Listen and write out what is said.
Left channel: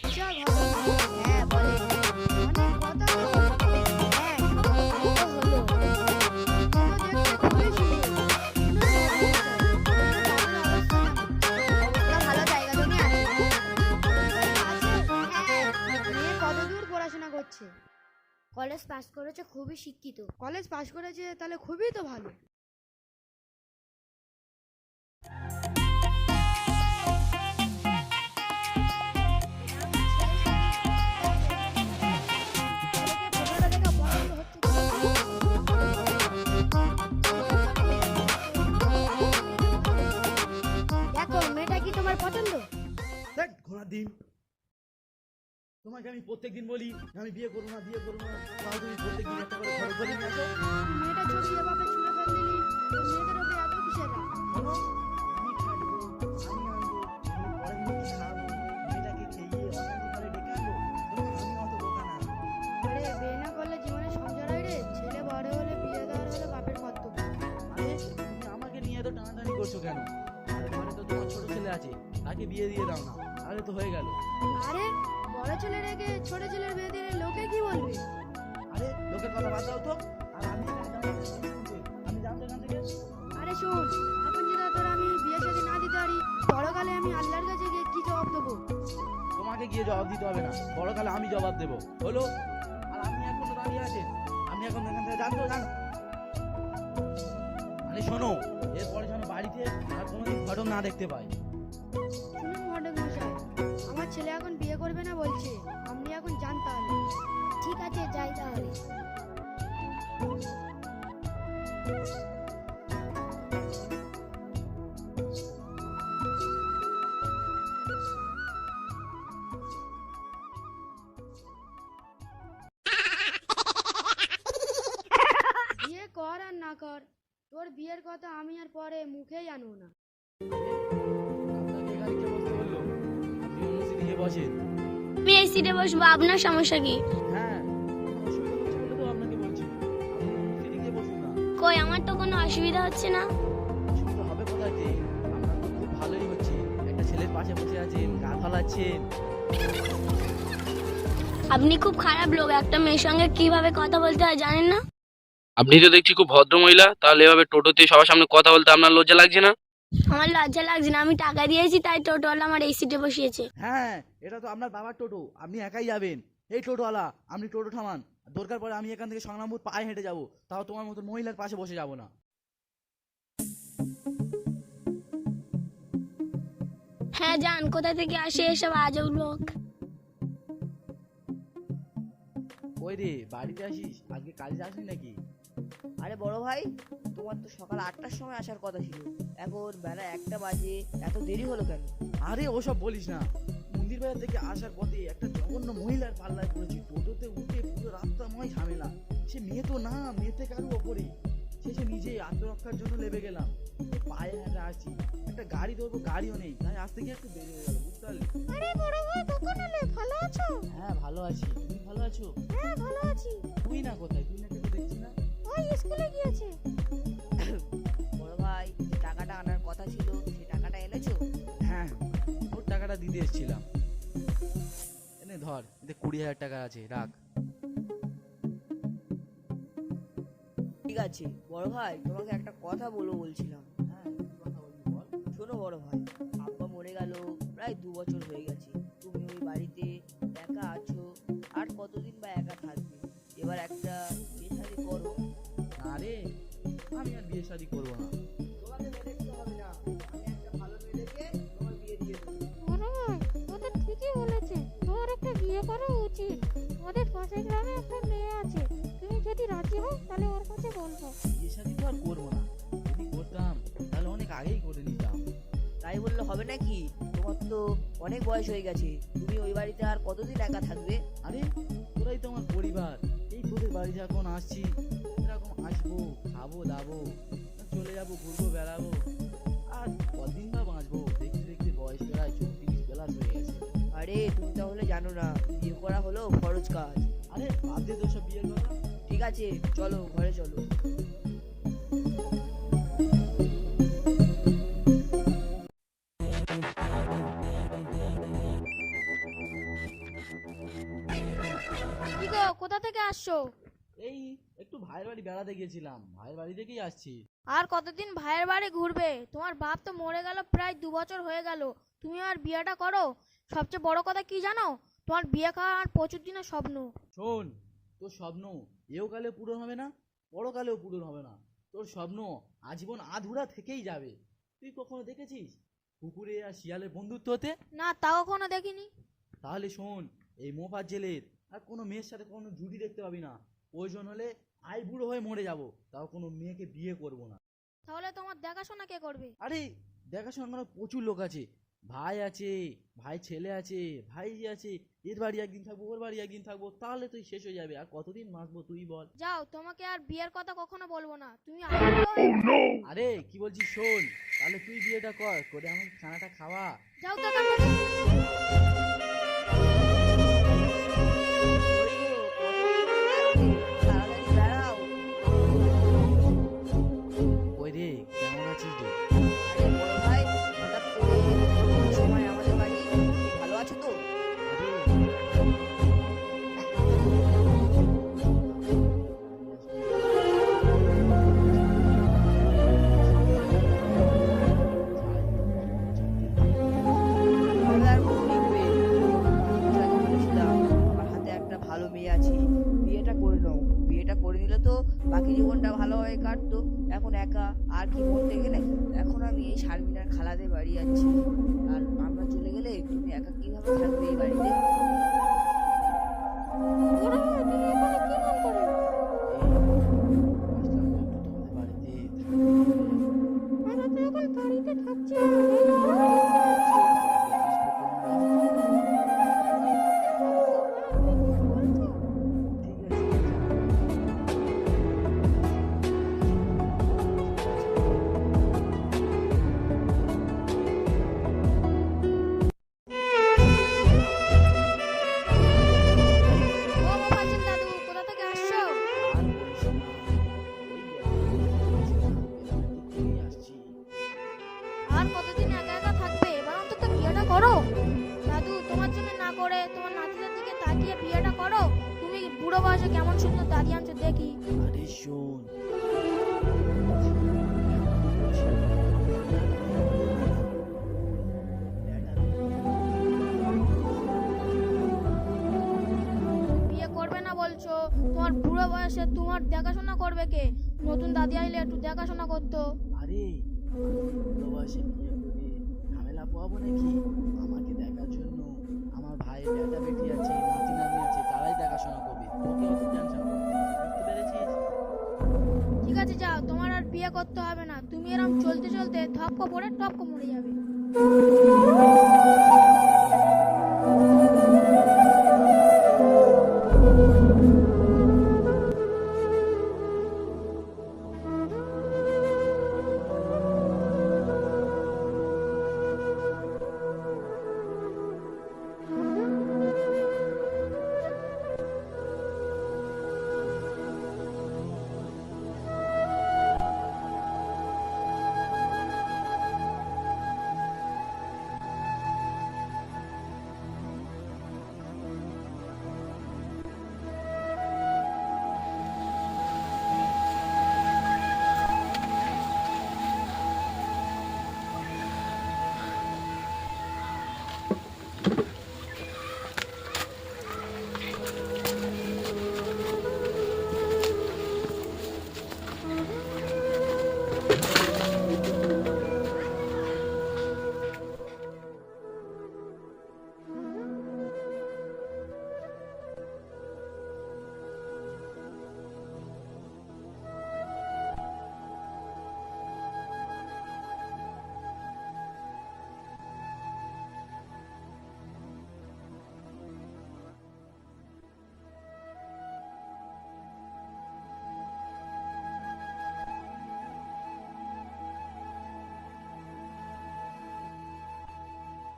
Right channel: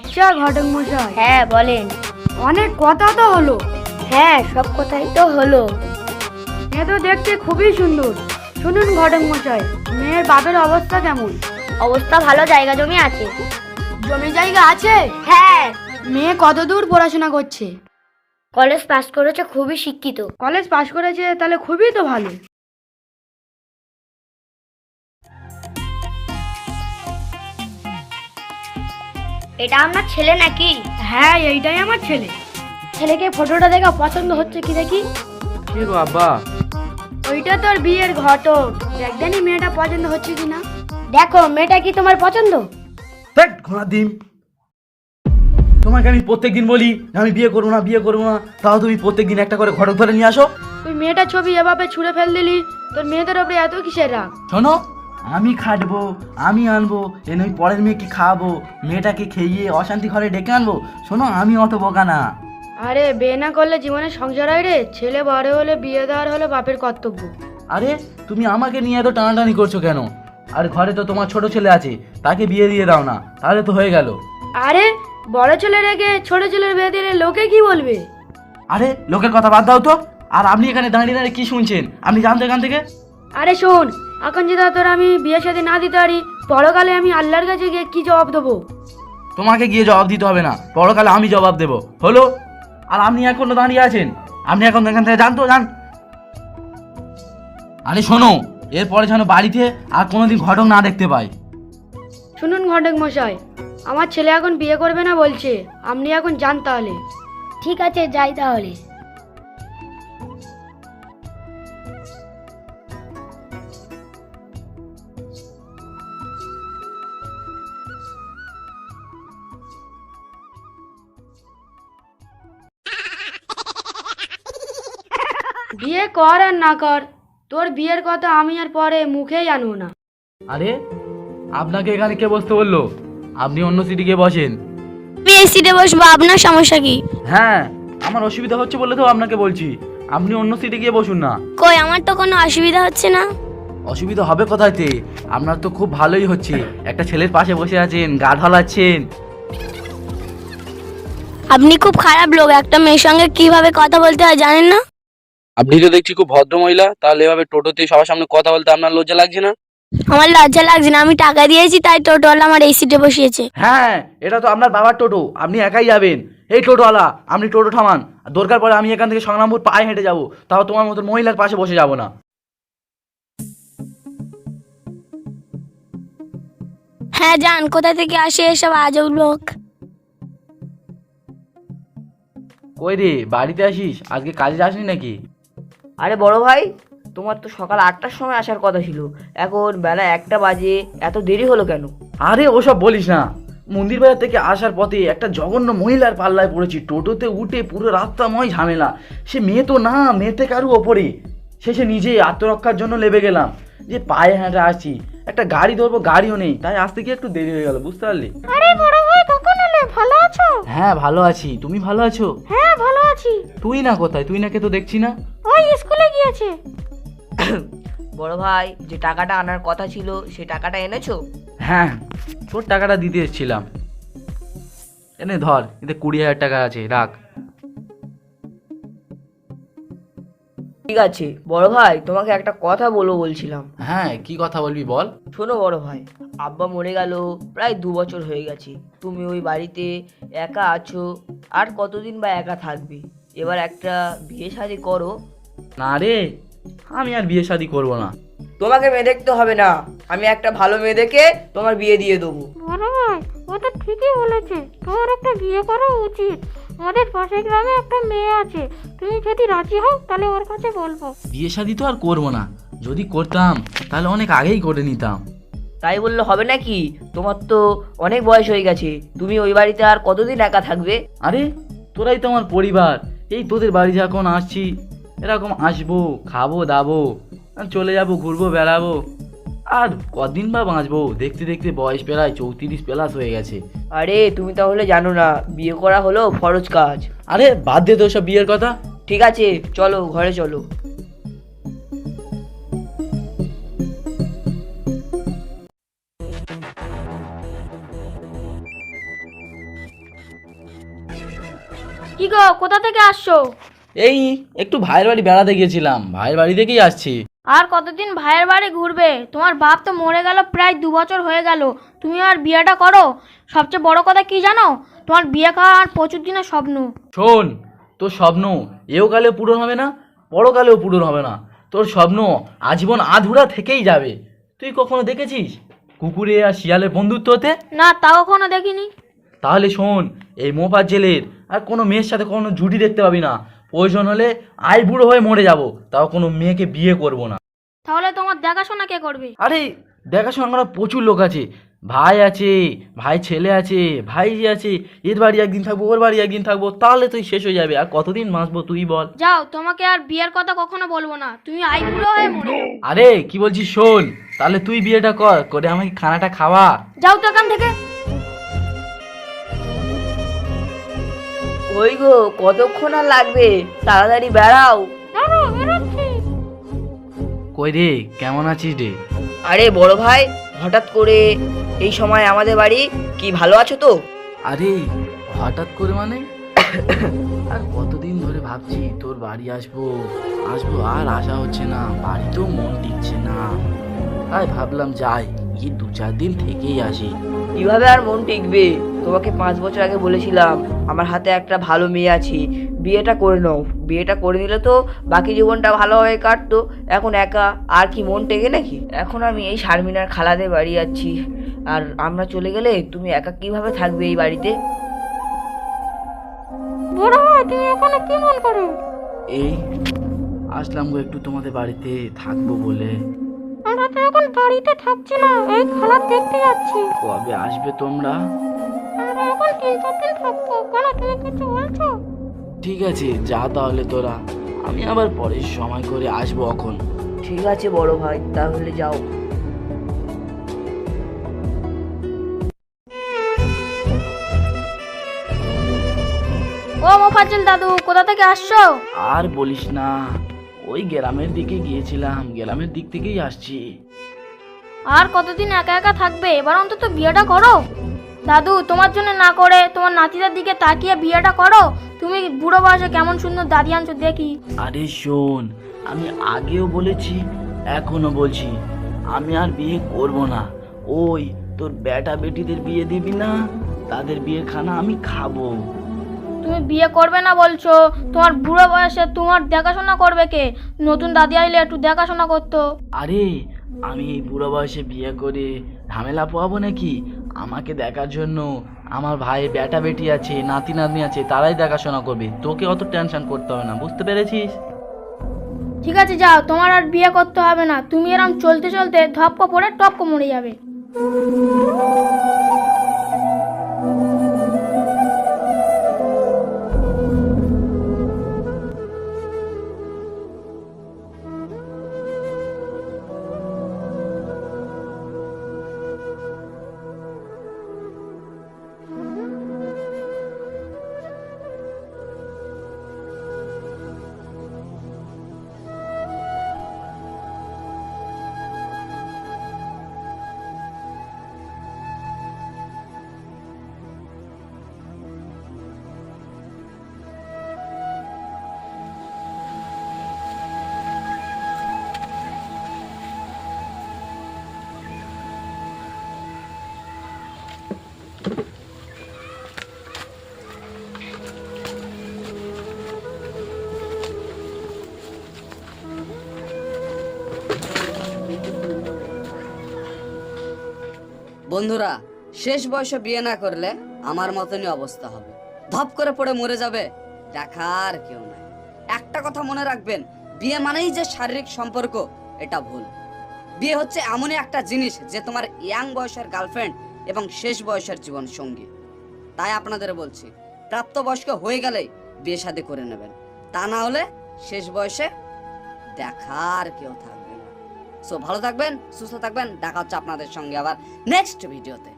আচ্ছা ঘটক মশাই হ্যাঁ বলেন। অনেক কথা তো হলো। হ্যাঁ সব কথাই তো হলো। এ তো দেখতে খুবই সুন্দর। শুনুন ঘটক মশাই মেয়ের বাপের অবস্থা কেমন? অবস্থা ভালো জায়গা জমি আছে। জমি জায়গা আছে? হ্যাঁ। মেয়ে কত দূর পড়াশোনা করছে? কলেজ পাস করেছে খুবই শিক্ষিত। কলেজ পাশ করেছে তাহলে খুবই তো ভালো। এটা আমার ছেলে নাকি? হ্যাঁ এইটাই আমার ছেলে। ছেলেকে ফটোটা দেখা পছন্দ হচ্ছে কি দেখি? এ বাবা। ওইটা তোর বিয়ের ঘটক। একদিনই মেয়েটা পছন্দ হচ্ছে কিনা। দেখো মেয়েটা কি তোমার পছন্দ? দেখ ঘোড়া ডিম। তোমাকে আমি প্রত্যেকদিন বলি আমি বিয়ে করব না বিয়ে করব না। তাও তুমি প্রত্যেকদিন একটা করে ঘটক ধরে নিয়ে আসো। তুই মেয়েটার ছবি এভাবে ছুঁড়ে ফেল দিলি। তোর মেয়েদের ওপরে এত কিসের রাগ? শোনো আমি খাটবো আমি আনব এনে ওই পরের মেয়েকে খাওয়াবো মেয়েটাকে খেয়ে অশান্তি ঘরে ডেকে আনব। শোনো আমি অত বোকা না। আরে বিয়ে না করলে জীবনে সংসার হয় রে? ছেলে বড় হলে বিয়ে দেওয়ার হলো বাপের কর্তব্য। আরে তুমি আমাকে নিয়ে এত টানাটানি করছ কেন? আর ঘরে তো তোমার ছোট ছেলে আছে তাকে বিয়ে দিয়ে দাও না তাহলে তো হয়ে গেল। আরে বড় ছেলে রেখে ছোট ছেলের বিয়ে দিলে লোকে কি বলবে? আরে লোকের কথা বাদ দাও তো। আর আপনি এখানে দাঁড়িয়ে দাঁড়িয়ে কি শুনছেন? আপনি জানতে এখান থেকে? আরে শোন এখন যদি তোর আমি বিয়ে সাথে না দিতে পারি পরকালে আমি আল্লাহর কাছে গিয়ে কি জবাব দেবো? তোমাকে গিয়ে জবাব দিতে হবে না পরকালে আমি জবাব দেবো। হলো? আর আপনি এখনও দাঁড়িয়ে আছেন? আপনি এখন এখান থেকে জানতো জান আরে শোনো এরপরে যেন বাড়িতে আর কোনোদিন ঘটক না দেখতে পাই। শুনুন ঘটক মশাই আমার ছেলে এখন বিয়ে করবে না বলছে আপনি এখন যান তাহলে। ঠিক আছে যাই তাহলে। কর আর না কর তোর বিয়ের কথা আমি আর পরে মুখেই আনব না। আরে আপনাকে এখানে কে বসতে বলল? আপনি অন্য সিটি গিয়ে বসেন। আমি এই সিটে বসবো আপনার সমস্যা কি? হ্যাঁ আমার অসুবিধা হচ্ছে বলে তো আপনাকে বলছি। আপনি অন্য সিটে গিয়ে বসুন না। কই আমার তো কোনো অসুবিধা হচ্ছে না। অসুবিধা হবে কোথায়তে আপনার তো খুব ভালোই হচ্ছে। একটা ছেলের পাশে বসে আছেন গা ঢালাচ্ছেন আপনি খুব খারাপ লোক একটা মেয়ের সঙ্গে কীভাবে কথা বলতে হয় জানেন না? আপনি তো দেখছি খুব ভদ্র মহিলা তাহলে এভাবে টোটোতে সবার সামনে কথা বলতে আপনার লজ্জা লাগছে না? আমার লজ্জা লাগছে না আমি টাকা দিয়েছি তাই টোটোওয়ালা আমার এই সিটে বসিয়েছে। হ্যাঁ এটা তো আপনার বাবার টোটো আপনি একাই যাবেন। এই টোটোওয়ালা আপনি টোটো থামান দরকার পড়ে আমি এখান থেকে সংগ্রামপুর পায়ে হেঁটে যাব তাও তোমার মতো মহিলার পাশে বসে যাব না। হ্যাঁ যান কোথা থেকে আসে এসব আজব লোক? কই রে বাড়িতে আসিস? আজকে কাজে যাসনি নাকি? আরে বড় ভাই তোমার তো সকাল আটটার সময় আসার কথা ছিল। এখন বেলা একটা বাজে এত দেরি হলো কেন? আরে ওসব বলিস না। মন্দির বাজার থেকে আসার পথে একটা জঘন্য মহিলার পাল্লায় পড়েছি। টোটোতে উঠে পুরো রাস্তাময় ঝামেলা। সে মেয়ে তো না মেয়ে থেকে আরও ওপরে? শেষে নিজে আত্মরক্ষার জন্য লেবে গেলাম। যে পায়ে হেঁটে আসছি। একটা গাড়ি ধরবো গাড়িও নেই। তাই আসতে গিয়ে একটু দেরি হয়ে গেল বুঝতে পারলি? আরে বড় এলে ভালো আছো? হ্যাঁ ভালো আছি। তুমি ভালো আছো? হ্যাঁ ভালো আছি। তুই না কোথায়? তুই নাকে তো দেখছি না। ওই স্কুলে গিয়েছে। বড় ভাই যে টাকাটা আনার কথা ছিল সে টাকাটা এনেছো? হ্যাঁ তোর টাকাটা দিতে এসেছিলাম। এনে ধর এতে কুড়ি হাজার টাকা আছে রাখ। ঠিক আছে বড় ভাই তোমাকে একটা কথা বলব বলছিলাম। হ্যাঁ কি কথা বলবি বল? শোনো বড় ভাই আব্বা মরে গেল প্রায় দু বছর হয়ে গেছে। তুমি ওই বাড়িতে একা আছো আর কতদিন বা একা থাকবে? এবার একটা বিয়ে শাদি করো। না রে আমি আর বিয়ে শাদি করব না। তোমাকে মেয়ে দেখতে হবে না আমি একটা ভালো মেয়ে দেখে তোমার বিয়ে দিয়ে দেবো। বড় ভাই ও তো ঠিকই বলেছে তোর একটা বিয়ে করা উচিত। আমাদের পাশের গ্রামে একটা মেয়ে আছে। তুমি যদি রাজি হও তাহলে ওর কাছে বলব। বিয়ে শাদি তো আর করব না। যদি করতাম তাহলে অনেক আগেই করে নিতাম। তাই বললে হবে নাকি? তোমার তো অনেক বয়স হয়ে গেছে। তুমি ওই বাড়িতে আর কতদিন একা থাকবে? আরে তোরাই তো আমার পরিবার। এই তোদের বাড়ি যখন আসছি এরকম আসব খাব দাবো চলে যাব ঘুরবো বেড়াবো। আর কদিন বা বাঁচবো? দেখতে দেখতে বয়স প্রায় চৌত্রিশ প্লাস হয়ে গেছে। আরে তুমি তাহলে জানো না বিয়ে করা হলো ফরজ কাজ। আরে বাদ দে তো সব বিয়ের কথা। ঠিক আছে চলো ঘরে চলো। কি গো কোথা থেকে আসছো? এই একটু ভাইয়ের বাড়ি বেড়াতে গিয়েছিলাম। ভাইয়ের বাড়ি থেকেই আসছি। আর কতদিন ভাইয়ের বাড়ি ঘুরবে? তোমার বাপ তো মরে গেল প্রায় দু বছর হয়ে গেল। তুমি আর বিয়েটা করো? সবচেয়ে বড় কথা কি জানো? তোমার বিয়ে খাওয়া আর প্রচুর দিনের স্বপ্ন। শোন তোর স্বপ্ন এও কালেও পূরণ হবে না পরকালেও পূরণ হবে না। তোর স্বপ্ন আজীবন আধুরা থেকেই যাবে। তুই কখনো দেখেছিস কুকুরে আর শিয়ালের বন্ধুত্ব হতে? না তা কখনো দেখিনি। তাহলে শোন এই মোপার জেলের আর কোনো মেয়ের সাথে কোনো জুটি দেখতে পাবি না। প্রয়োজন হলে আই বুড়ো হয়ে মরে যাব তাও কোনো মেয়েকে বিয়ে করব না। তাহলে তোমার দেখাশোনা কে করবে? আরে দেখাশোনা করা প্রচুর লোক আছে। ভাই আছে ভাই ছেলে আছে ভাই আছে এর বাড়ি একদিন থাকব ওর বাড়ি একদিন থাকব তাহলে তুই শেষ হয়ে যাবে। আর কতদিন বাঁচবো তুই বল। যাও তোমাকে আর বিয়ের কথা কখনো বলব না। তুমি আইগুলো হয়ে মরো। আরে কি বলছিস শোন? তাহলে তুই বিয়েটা কর করে আমাকে খানাটা খাওয়া। যাও তো এখান থেকে। ওই গো কতক্ষণ আর লাগবে? তাড়াতাড়ি বেড়াও। কই রে? কেমন আছিস রে? আরে বড় ভাই হঠাৎ করে এই সময় আমাদের বাড়ি কি ভালো আছো তো? আরে হঠাৎ করে মানে? আর কতদিন ধরে ভাবছি তোর বাড়ি আসব আসব আর আসা হচ্ছে না বাড়িতেও মন নিচ্ছে না। তাই ভাবলাম যাই কি দু চার দিন থেকেই আসি। কীভাবে আর মন টিকবে? তোমাকে পাঁচ বছর আগে বলেছিলাম আমার হাতে একটা ভালো মেয়ে আছে বিয়েটা করে নাও। বিয়েটা করে নিলে তো বাকি জীবনটা ভালোভাবে কাটতো। এখন একা আর কি মন টেকে নাকি? এখন আমি এই শারমিনার খালাদের বাড়ি যাচ্ছি। আর আমরা চলে গেলে তুমি একা কীভাবে থাকবে এই বাড়িতে? বড় তুমি এখানে কি মন করো? এই আসলাম গো একটু তোমাদের বাড়িতে থাকব বলে। আমরা তো এখন বাড়িতে থাকছি না এই খেলা দেখতে যাচ্ছি। কবে আসবে তোমরা? আমরা এখন তিন চার দিন থাকব কেন তুমি কিছু ঠিক আছে যা তাহলে তোরা। আমি আবার পরের সময় করে আসব এখন ঠিক আছে বড় ভাই তাহলে যাও। ও মোফাজ্জল দাদু কোথা থেকে আসছো? আর বলিস না ওই গ্রামের দিকে গিয়েছিলাম গ্রামের দিক থেকেই আসছি। আর কতদিন একা একা থাকবে? এবার অন্তত বিয়েটা করো। দাদু তোমার জন্য না করে তোমার নাতিদের দিকে তাকিয়ে বিয়েটা করো। তুমি বুড়ো বয়সে কেমন সুন্দর দাদি আনছো দেখি। আরে শোন আমি আগেও বলেছি এখনও বলছি আমি আর বিয়ে করব না। ওই তোর বেটা বেটিদের বিয়ে দিবি না তাদের বিয়ে খানা আমি খাব। তুমি বিয়ে করবে না বলছো তোমার বুড়ো বয়সে তোমার দেখাশোনা করবে কে? নতুন দাদি আইলে একটু দেখাশোনা করতো। আরে আমি এই বুড়ো বয়সে বিয়ে করে ঝামেলা পোয়াবো নাকি? আমাকে দেখার জন্য আমার ভাই বেটা বেটি আছে, নাতি নাতনি আছে, তারাই দেখাশোনা করবে। তোকে অত টেনশন করতে হবে না, বুঝতে পেরেছিস? ঠিক আছে, যাও। তোমার আর বিয়ে করতে হবে না। তুমি এরম চলতে চলতে ধপকো পড়ে টপকো মরে যাবে। বন্ধুরা, শেষ বয়সে বিয়ে না করলে আমার মতনই অবস্থা হবে। ধপ করে পড়ে মরে যাবে দেখার কেউ নাই। একটা কথা মনে রাখবেন, বিয়ে মানেই যে শারীরিক সম্পর্ক, এটা ভুল। বিয়ে হচ্ছে এমনই একটা জিনিস যে তোমার ইয়াং বয়সের গার্লফ্রেন্ড এবং শেষ বয়সের জীবন সঙ্গী। তাই আপনাদের বলছি, প্রাপ্তবয়স্ক হয়ে গেলেই বিয়ে শাদী করে নেবেন। তা না হলে শেষ বয়সে দেখার কেউ থাকবে না সো ভালো থাকবেন সুস্থ থাকবেন দেখা হচ্ছে আপনাদের সঙ্গে আবার নেক্সট ভিডিওতে